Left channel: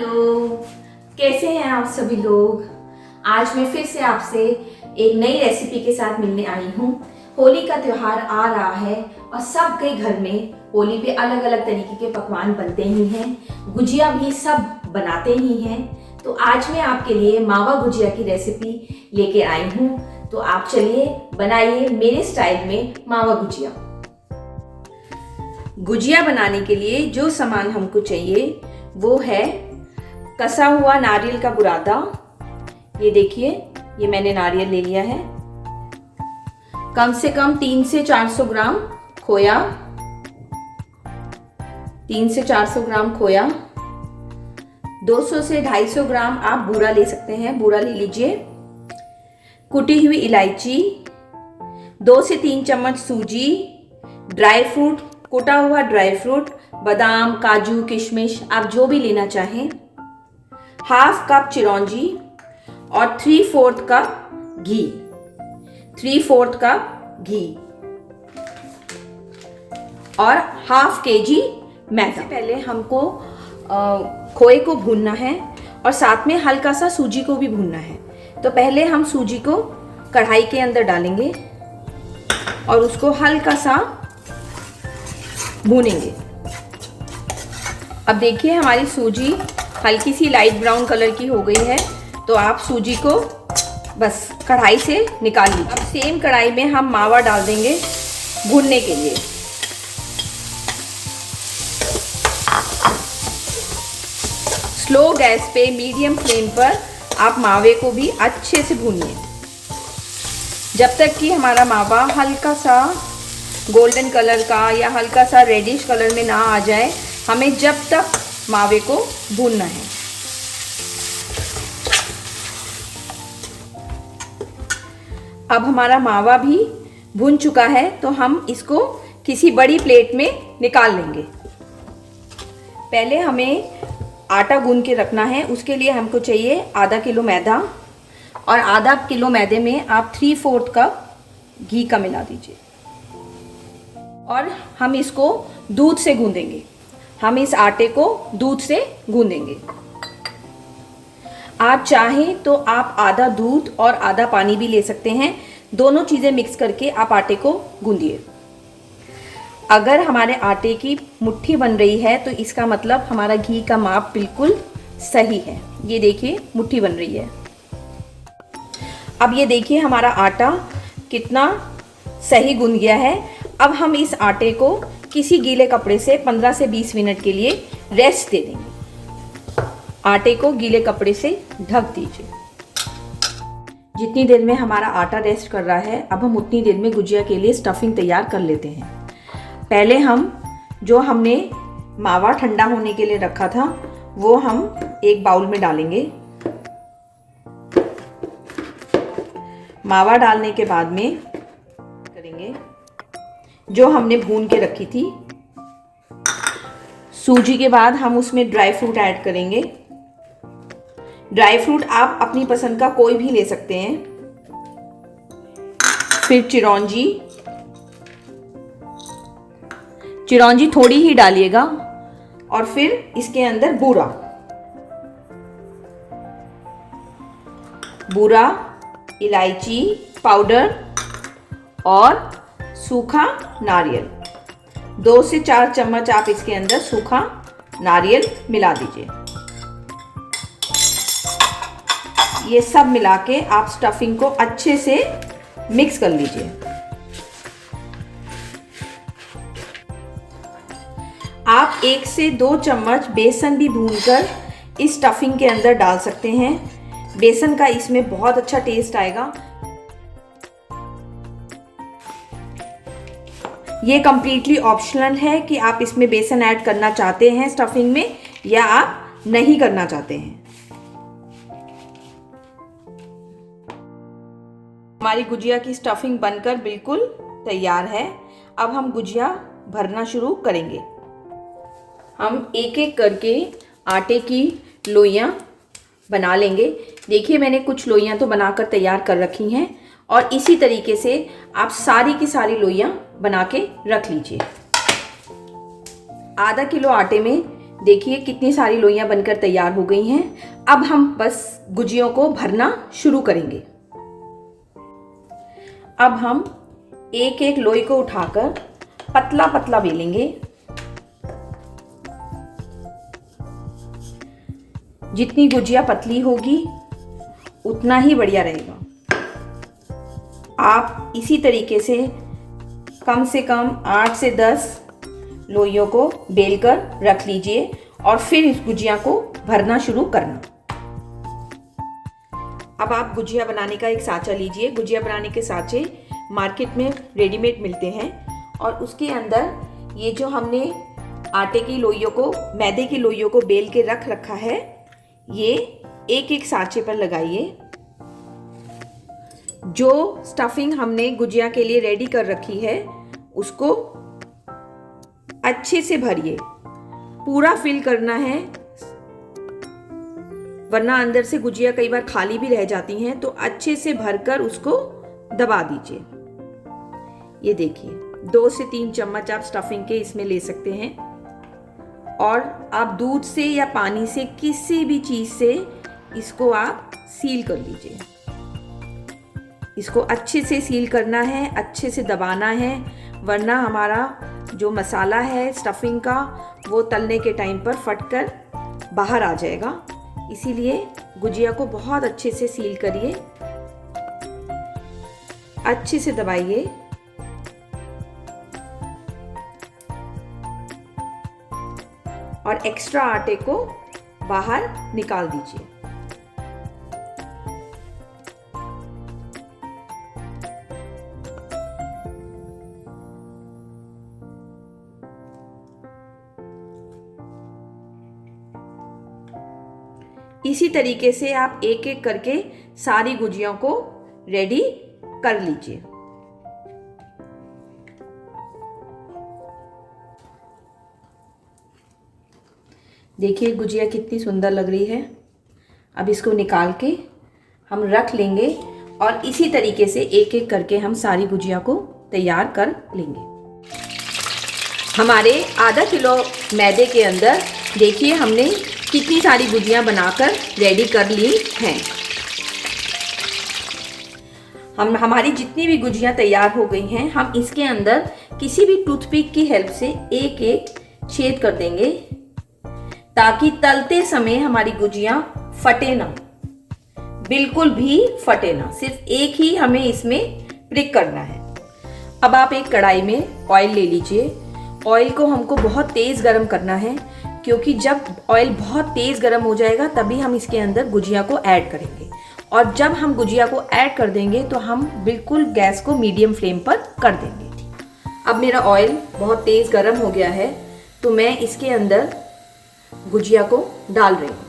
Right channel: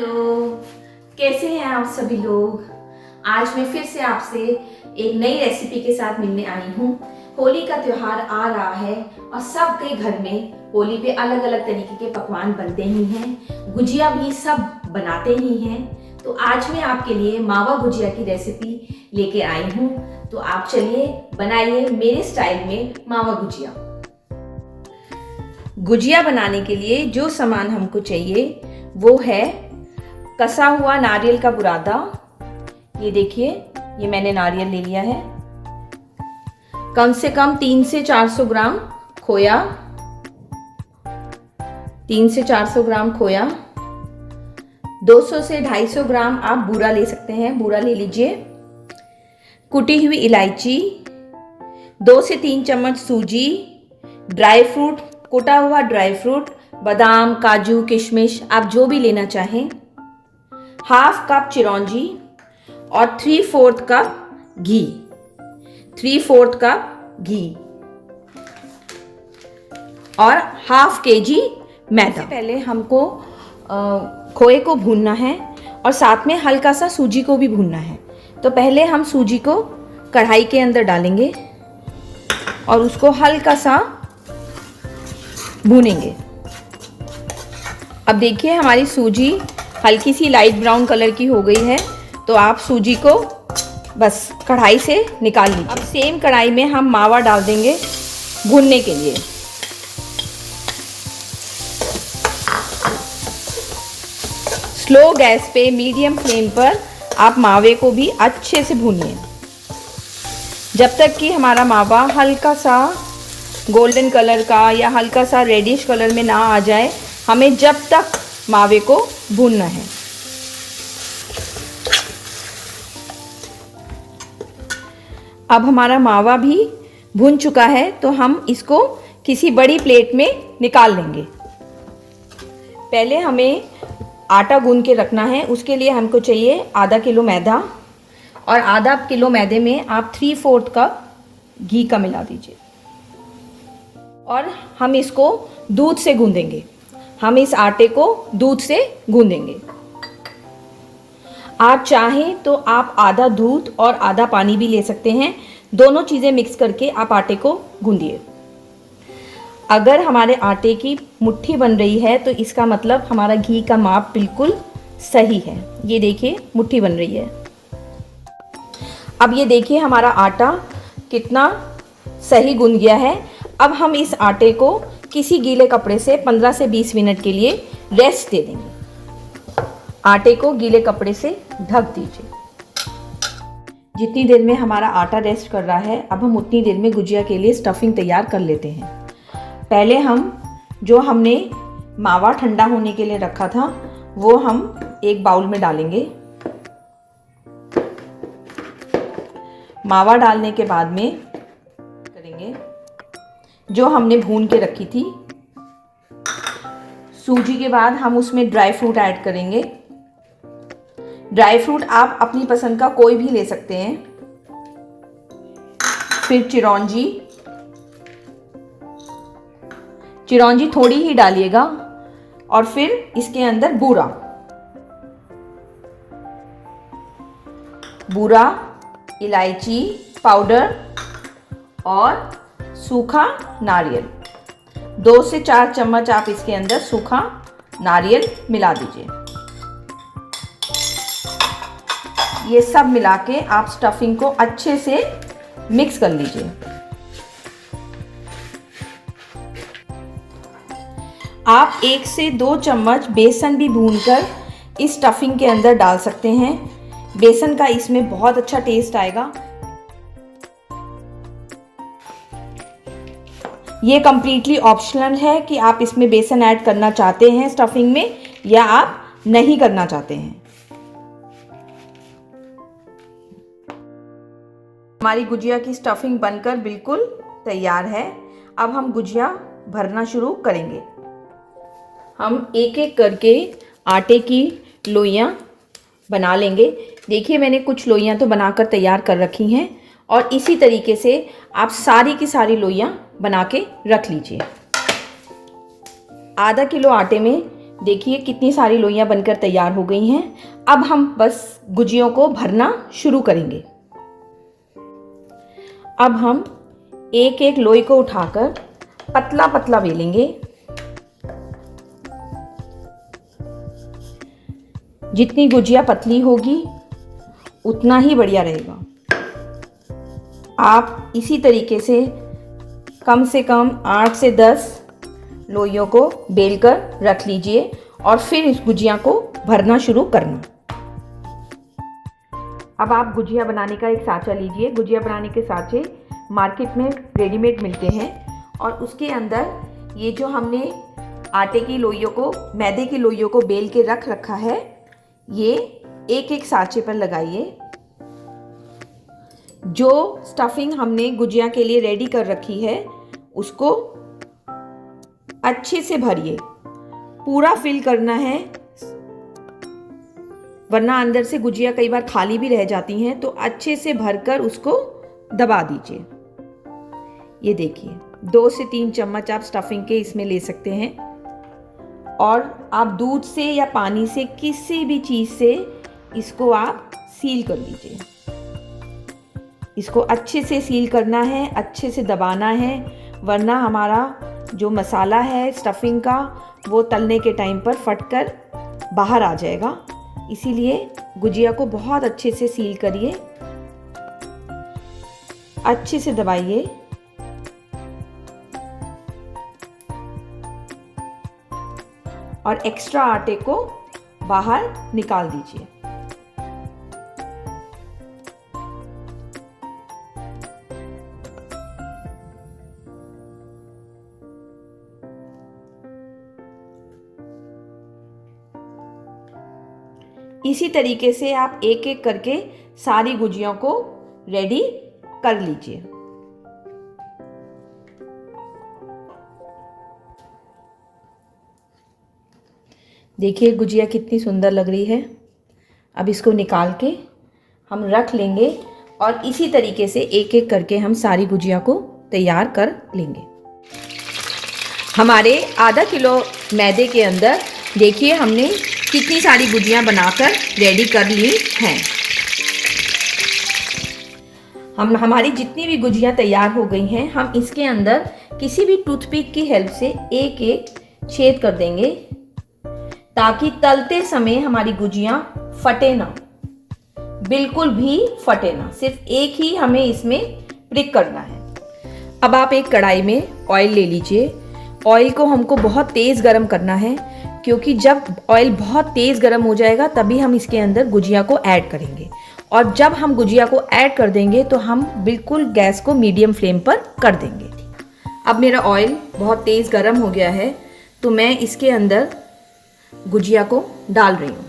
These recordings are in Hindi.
हेलो, कैसे हैं आप सभी लोग। आज मैं फिर से आपसे एक नई रेसिपी के साथ मिलने आई हूँ। होली का त्यौहार आ रहा है और सबके घर में होली पे अलग अलग तरीके के पकवान बनते ही हैं, गुजिया भी सब बनाते ही हैं। तो आज मैं आपके लिए मावा गुजिया की रेसिपी लेके आई हूँ। तो आप चलिए बनाइए मेरे स्टाइल में मावा गुजिया। गुजिया बनाने के लिए जो सामान हमको चाहिए वो है कसा हुआ नारियल का बुरादा। ये देखिए, ये मैंने नारियल ले लिया है। कम से कम 300 से 400 ग्राम खोया, 300 से 400 ग्राम खोया, 200 से 250 ग्राम आप बूरा ले सकते हैं, बूरा ले लीजिए। कुटी हुई इलायची, 2 से 3 चम्मच सूजी, ड्राई फ्रूट, कुटा हुआ ड्राई फ्रूट, बादाम, काजू, किशमिश आप जो भी लेना चाहें, हाफ कप चिरौंजी और 3/4 कप घी, 3/4 कप घी और हाफ केजी मैदा। पहले हमको खोए को भूनना है और साथ में हल्का सा सूजी को भी भूनना है। तो पहले हम सूजी को कढ़ाई के अंदर डालेंगे और उसको हल्का सा भूनेंगे। अब देखिए हमारी सूजी हल्की सी लाइट ब्राउन कलर की हो गई है। तो आप सूजी को बस कढ़ाई से निकाल लीजिए। अब सेम कढ़ाई में हम मावा डाल देंगे भूनने के लिए। स्लो गैस पे मीडियम फ्लेम पर आप मावे को भी अच्छे से भूनिए जब तक कि हमारा मावा हल्का सा गोल्डन कलर का या हल्का सा रेडिश कलर में ना आ जाए। हमें जब तक मावे को भूनना है। अब हमारा मावा भी भून चुका है तो हम इसको किसी बड़ी प्लेट में निकाल लेंगे। पहले हमें आटा गूंद के रखना है। उसके लिए हमको चाहिए आधा किलो मैदा और आधा किलो मैदे में आप 3/4 कप घी का मिला दीजिए और हम इसको दूध से गूंदेंगे। हम इस आटे को दूध से गूंदेंगे। आप चाहें तो आप आधा दूध और आधा पानी भी ले सकते हैं। दोनों चीज़ें मिक्स करके आप आटे को गूंदिए। अगर हमारे आटे की मुट्ठी बन रही है तो इसका मतलब हमारा घी का माप बिल्कुल सही है। ये देखिए मुट्ठी बन रही है। अब ये देखिए हमारा आटा कितना सही गूंद गया है। अब हम इस आटे को किसी गीले कपड़े से 15 से 20 मिनट के लिए रेस्ट दे देंगे। आटे को गीले कपड़े से ढक दीजिए। जितनी देर में हमारा आटा रेस्ट कर रहा है, अब हम उतनी देर में गुजिया के लिए स्टफिंग तैयार कर लेते हैं। पहले हम जो हमने मावा ठंडा होने के लिए रखा था वो हम एक बाउल में डालेंगे। मावा डालने के बाद में करेंगे जो हमने भून के रखी थी सूजी के बाद हम उसमें ड्राई फ्रूट ऐड करेंगे। ड्राई फ्रूट आप अपनी पसंद का कोई भी ले सकते हैं। फिर चिरौंजी, चिरौंजी थोड़ी ही डालिएगा और फिर इसके अंदर बूरा, बूरा, इलायची पाउडर और सूखा नारियल। 2 से 4 चम्मच आप इसके अंदर सूखा नारियल मिला दीजिए। ये सब मिला के आप स्टफिंग को अच्छे से मिक्स कर लीजिए। आप 1 से 2 चम्मच बेसन भी भूनकर इस स्टफिंग के अंदर डाल सकते हैं। बेसन का इसमें बहुत अच्छा टेस्ट आएगा। ये कम्प्लीटली ऑप्शनल है कि आप इसमें बेसन ऐड करना चाहते हैं स्टफिंग में या आप नहीं करना चाहते हैं। हमारी गुजिया की स्टफिंग बनकर बिल्कुल तैयार है। अब हम गुजिया भरना शुरू करेंगे। हम एक एक करके आटे की लोइयाँ बना लेंगे। देखिए मैंने कुछ लोइयाँ तो बनाकर तैयार कर रखी हैं और इसी तरीके से आप सारी की सारी लोइयाँ बना के रख लीजिए। आधा किलो आटे में देखिए कितनी सारी लोइयां बनकर तैयार हो गई हैं। अब हम बस गुजियों को भरना शुरू करेंगे। अब हम एक एक लोई को उठाकर पतला पतला बेलेंगे। जितनी गुजिया पतली होगी उतना ही बढ़िया रहेगा। आप इसी तरीके से कम 8 से 10 लोइयों को बेलकर रख लीजिए और फिर इस गुजिया को भरना शुरू करना। अब आप गुजिया बनाने का एक साँचा लीजिए। गुजिया बनाने के साँचे मार्केट में रेडीमेड मिलते हैं और उसके अंदर ये जो हमने आटे की लोइयों को, मैदे की लोइयों को बेल के रख रखा है, ये एक एक साँचे पर लगाइए। जो स्टफिंग हमने गुजिया के लिए रेडी कर रखी है उसको अच्छे से भरिए, पूरा फिल करना है, वरना अंदर से गुजिया कई बार खाली भी रह जाती हैं। तो अच्छे से भरकर उसको दबा दीजिए। ये देखिए 2 से 3 चम्मच आप स्टफिंग के इसमें ले सकते हैं और आप दूध से या पानी से, किसी भी चीज़ से इसको आप सील कर लीजिए। इसको अच्छे से सील करना है, अच्छे से दबाना है, वरना हमारा जो मसाला है स्टफिंग का वो तलने के टाइम पर फटकर बाहर आ जाएगा। इसीलिए गुजिया को बहुत अच्छे से सील करिए, अच्छे से दबाइए। और एक्स्ट्रा आटे को बाहर निकाल दीजिए। इसी तरीके से आप एक एक करके सारी गुजियों को रेडी कर लीजिए। देखिए गुजिया कितनी सुंदर लग रही है। अब इसको निकाल के हम रख लेंगे और इसी तरीके से एक एक करके हम सारी गुजिया को तैयार कर लेंगे। हमारे आधा किलो मैदे के अंदर देखिए हमने कितनी सारी गुजियां बनाकर रेडी कर ली हैं। हमारी जितनी भी गुजियां तैयार हो गई हैं, हम इसके अंदर किसी भी टूथपिक की हेल्प से एक एक छेद कर देंगे ताकि तलते समय हमारी गुजियां फटे ना, बिल्कुल भी फटे ना। सिर्फ एक ही हमें इसमें प्रिक करना है। अब आप एक कढ़ाई में ऑयल ले लीजिए। ऑयल को हमको बहुत तेज़ गरम करना है, क्योंकि जब ऑयल बहुत तेज़ गरम हो जाएगा तभी हम इसके अंदर गुजिया को ऐड करेंगे। और जब हम गुजिया को ऐड कर देंगे तो हम बिल्कुल गैस को मीडियम फ्लेम पर कर देंगे। अब मेरा ऑयल बहुत तेज़ गरम हो गया है तो मैं इसके अंदर गुजिया को डाल रही हूँ।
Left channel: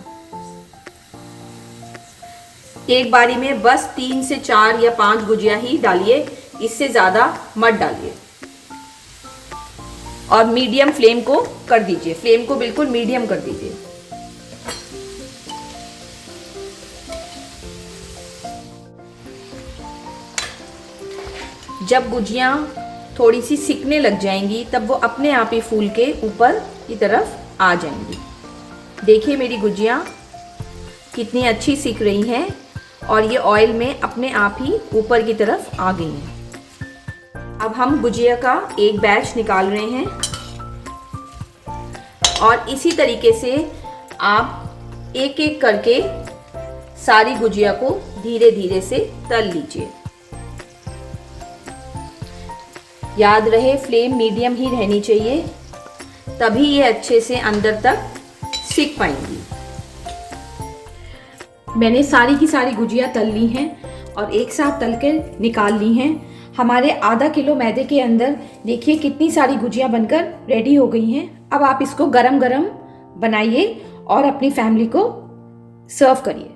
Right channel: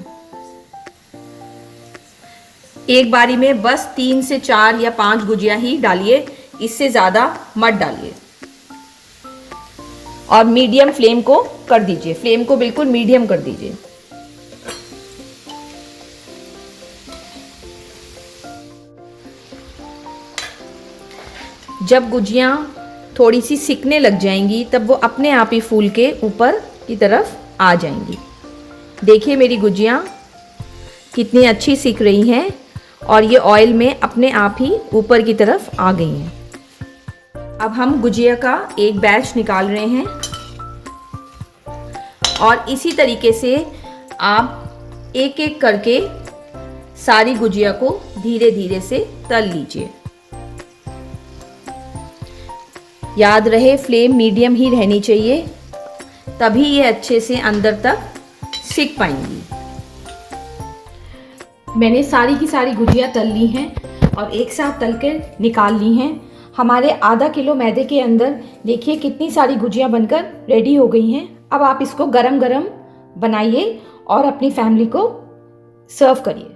एक बारी में बस 3 से 4 या 5 गुजिया ही डालिए, इससे ज़्यादा मत डालिए। और मीडियम फ्लेम को कर दीजिए, फ्लेम को बिल्कुल मीडियम कर दीजिए। जब गुजियां थोड़ी सी सिकने लग जाएंगी तब वो अपने आप ही फूल के ऊपर की तरफ आ जाएंगी। देखिए मेरी गुजियां कितनी अच्छी सिक रही हैं और ये ऑयल में अपने आप ही ऊपर की तरफ आ गई हैं। अब हम गुजिया का एक बैच निकाल रहे हैं और इसी तरीके से आप एक एक करके सारी गुजिया को धीरे धीरे से तल लीजिए। याद रहे फ्लेम मीडियम ही रहनी चाहिए, तभी ये अच्छे से अंदर तक सिक पाएंगी। मैंने सारी की सारी गुजिया तल ली हैं और एक साथ तल के निकाल ली हैं। हमारे आधा किलो मैदे के अंदर देखिए कितनी सारी गुजिया बनकर रेडी हो गई हैं। अब आप इसको गरम गरम बनाइए और अपनी फैमिली को सर्व करिए।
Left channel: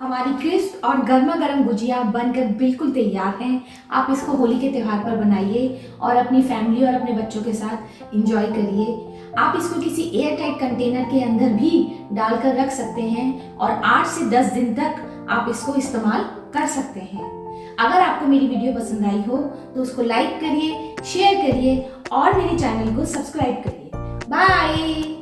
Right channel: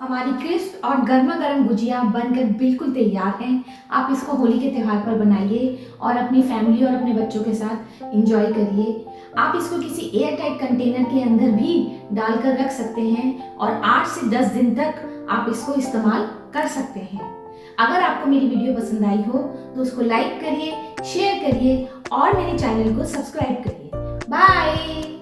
हमारी क्रिस्प और गर्मा गर्म गुजिया बनकर बिल्कुल तैयार हैं। आप इसको होली के त्यौहार पर बनाइए और अपनी फैमिली और अपने बच्चों के साथ एंजॉय करिए। आप इसको किसी एयर टाइट कंटेनर के अंदर भी डालकर रख सकते हैं और 8 से 10 दिन तक आप इसको इस्तेमाल कर सकते हैं। अगर आपको मेरी वीडियो पसंद आई हो तो उसको लाइक करिए, शेयर करिए और मेरे चैनल को सब्सक्राइब करिए। बाय।